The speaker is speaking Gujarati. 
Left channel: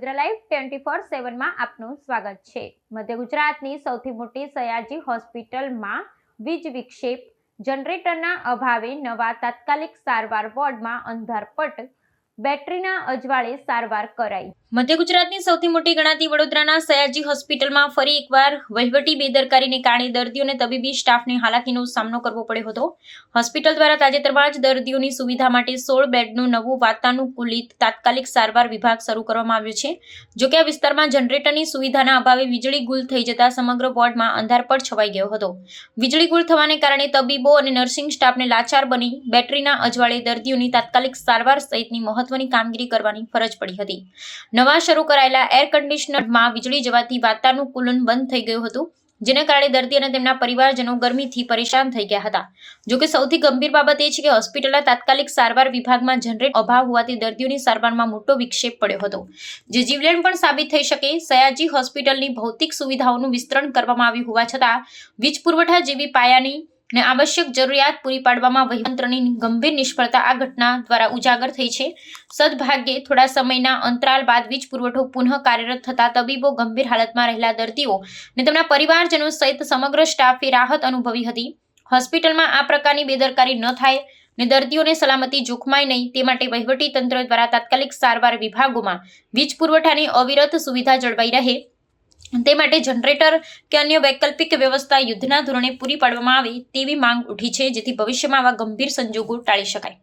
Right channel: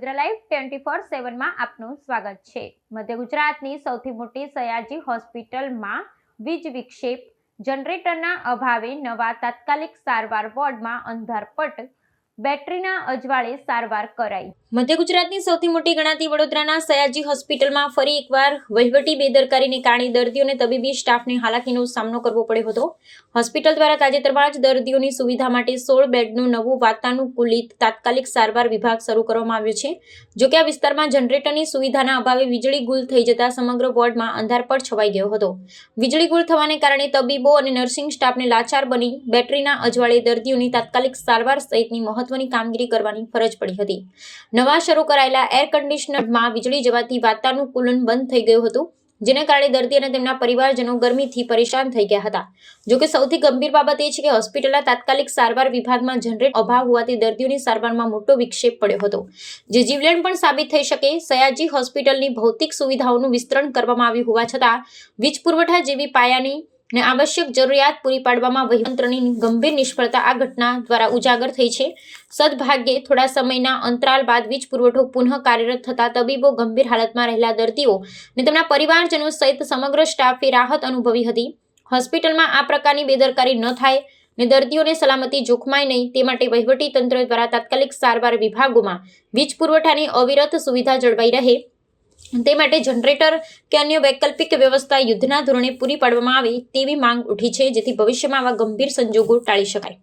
વડોદરા લાઈવ 24/7 માં આપનું સ્વાગત છે। મધ્ય ગુજરાતની સૌથી મોટી સયાજી હોસ્પિટલમાં વીજ વિક્ષેપ, જનરેટરના અભાવે નવા તાત્કાલિક સારવાર વોર્ડમાં અંધારપટ, બેટરીના અજવાળે સારવાર કરાઈ। મધ્ય ગુજરાતની સૌથી મોટી ગણાતી વડોદરાના સયાજી હોસ્પિટલમાં ફરી એકવાર વહીવટી બેદરકારીને કારણે દર્દીઓ અને તબીબી સ્ટાફને હાલાકીનો સામનો કરવો પડ્યો હતો। હોસ્પિટલ દ્વારા તાજેતરમાં જ દર્દીઓની સુવિધા માટે 16 બેડનું નવું વાતાનુકૂલિત તાત્કાલિક સારવાર વિભાગ શરૂ કરવામાં આવ્યો છે। જો કે આ વિસ્તારમાં જનરેટરની સુવિધાના અભાવે વીજળી ગુલ થઈ જતા સમગ્ર વોર્ડમાં અંધારપટ છવાઈ ગયો હતો। વીજળી ગુલ થવાને કારણે તબીબો અને નર્સિંગ સ્ટાફને લાચાર બની બેટરીના અજવાળે દર્દીઓની તાત્કાલિક સારવાર સહિતની મહત્વની કામગીરી કરવાની ફરજ પડી હતી। નવા શરૂ કરાયેલા એર કન્ડિશનરમાં વીજળી જવાથી વાતાનુકૂલન બંધ થઈ ગયું હતું, જેના કારણે દર્દી અને તેમના પરિવારજનો ગરમીથી પરેશાન થઈ ગયા હતા। જો કે સૌથી ગંભીર બાબત એ છે કે હોસ્પિટલના તાત્કાલિક સારવાર વિભાગમાં જનરેટર અભાવ હોવાથી દર્દીઓની સારવારમાં મોટો વિક્ષેપ પડ્યો હતો, જે જીવલેણ પણ સાબિત થઈ શકે। સયાજી હોસ્પિટલની ભૌતિક સુવિધાઓનું વિસ્તરણ કરવામાં આવ્યું હોવા છતાં વીજ પુરવઠા જેવી પાયાની ને આવશ્યક જરૂરિયાત પૂરી પાડવામાં વહીવટતંત્રની ગંભીર નિષ્ફળતા આ ઘટના દ્વારા ઉજાગર થઈ છે। સદભાગ્યે થોડા સમયના અંતરાલ બાદ વીજ પુરવઠો પુનઃ કાર્યરત થતા તબીબો, ગંભીર હાલતમાં રહેલા દર્દીઓ અને તેમના પરિવારજનો સહિત સમગ્ર સ્ટાફે રાહત અનુભવી હતી। હોસ્પિટલમાં આ પ્રકારની બેદરકારી ન થાય અને દર્દીઓને સલામતી જોખમાય નહીં તે માટે વહીવટી તંત્ર દ્વારા તાત્કાલિક સારવાર વિભાગોમાં વીજ પુરવઠાની અવિરત સુવિધા જળવાઈ રહે તે માટે જનરેટર કે અન્ય વૈકલ્પિક વ્યવસ્થા યુદ્ધના ધોરણે પૂરી પાડવામાં આવે તેવી માંગ ઉઠી છે, જેથી ભવિષ્યમાં આવા ગંભીર સંજોગો ટાળી શકાય।